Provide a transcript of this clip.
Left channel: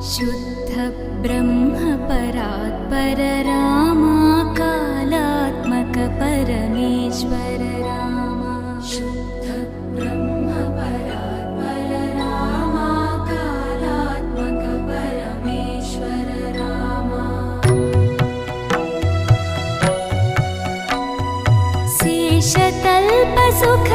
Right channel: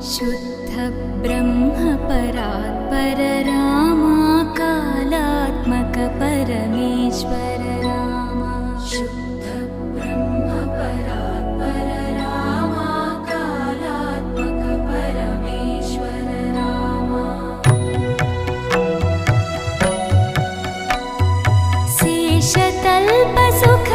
शुद्ध ब्रह्म परात्पर रामा कालात्मक परमेश्वर रामा शुद्ध ब्रह्म परात्पर रामा कालात्मक परमेश्वर रामा शेषतल्प सुख